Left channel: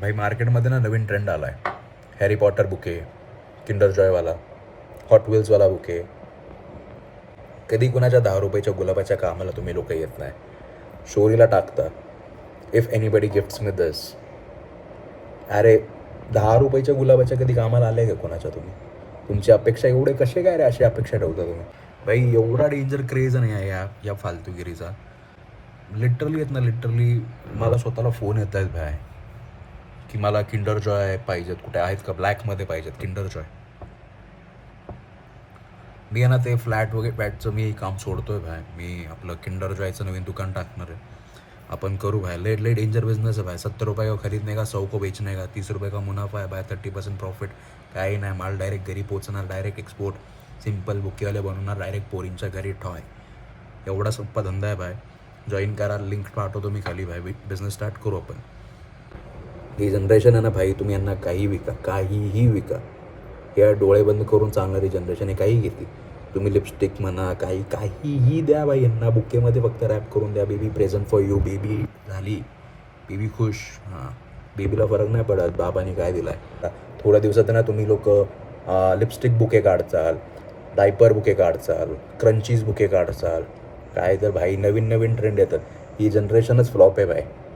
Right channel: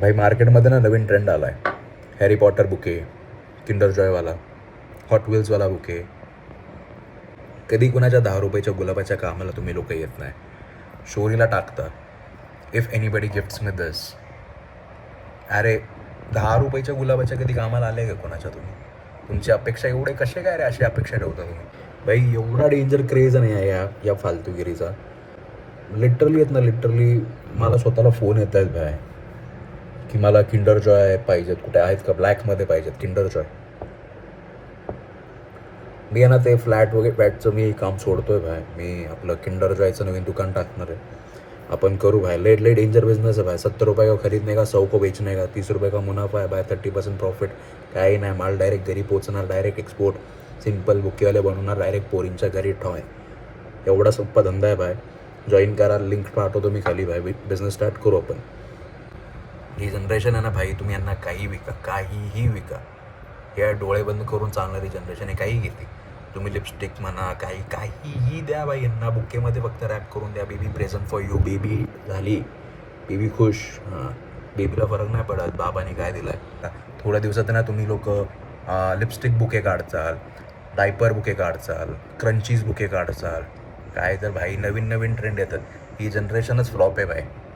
भाई मार्केटमध्ये ना नवीन ट्रेंड आला आहे, हॅरी पॉटर बुके, किंडर जॉयवाला, हॉट व्हील्सवाला बुके. कधी कुणाच्या 10 रुपयाच्या गुलाबाच्या कामाला तुम्ही लोक येत नाही, स्टोरीला टाकता if anybody gifts me this. अरे 10 रुपयाच्या गुलाबाच्या कधी कामाला आले का कोणाच्या तुम्ही? तुमची अपेक्षा एवढे कसे काय रे, अशी अपेक्षा ठेवता तुम्ही? भाई एवढा डेंजर क्रेज नाही आहे या फालतूगिरीचा. लिटरली येत ना, लिटरली मला स्वतःला फोन येत आहेत भाई की मला किंडर जॉय पाहिजेत, कुठे आहेत का, ब्लॅकमध्ये पाहिजेत किंडर जॉय. मी आहे ना ते फ्लॅट वगैरे फ्लॅटचं मी काम सोडतोय भाई. मी आपलं किंडर जॉयचं नवीन दुकान टाकणार आहे. आपण करू भाई, लेट डेंजर बिजनेस है भाई. 70 रुपये का खरीदने का, 100 को बेचने का, 30 रुपये का मुनाफा है भाई, 30% प्रॉफिट. काही नाही, माल डायरेक्ट घरी पोचणार, डायरेक्ट एक्सपोर्ट. सिम्पल बुकेवाले बनवणार, डायरेक्ट पोरींच्या घरी ठॉय. एवढा सोप्पा धंदा आहे भाई. जॉईन करा, लिंक पाठवतो मी खाली भाई. बिझनेस स्टार्ट करू आपण. ही जनरेशन आहे ना भाई, तुम्ही यांना काही विका, काहीही विका. या डोळे बंद करून चालणारी जनरेशन आहे, काही घेते. तुम्ही लिपस्टिक म्हणा, काहीही द्या बाई यांना. बुकेमध्ये फक्त रॅप करून द्या, baby present for you. Baby झाली, बेबी खुश. हां, बेबीला फरक नाही पडत बाबाने काय दिलं आहे. थोड्या दिवसात ना तुम्ही लोक लिपस्टिक बुके काढचाल, डायपर बुके काढचाल, क्रंचीज बुके काढचाल. काय तर भाई नवीन नवीन ट्रेंड येतात. ही जनरेशनच फ्लॉप आहे भाई.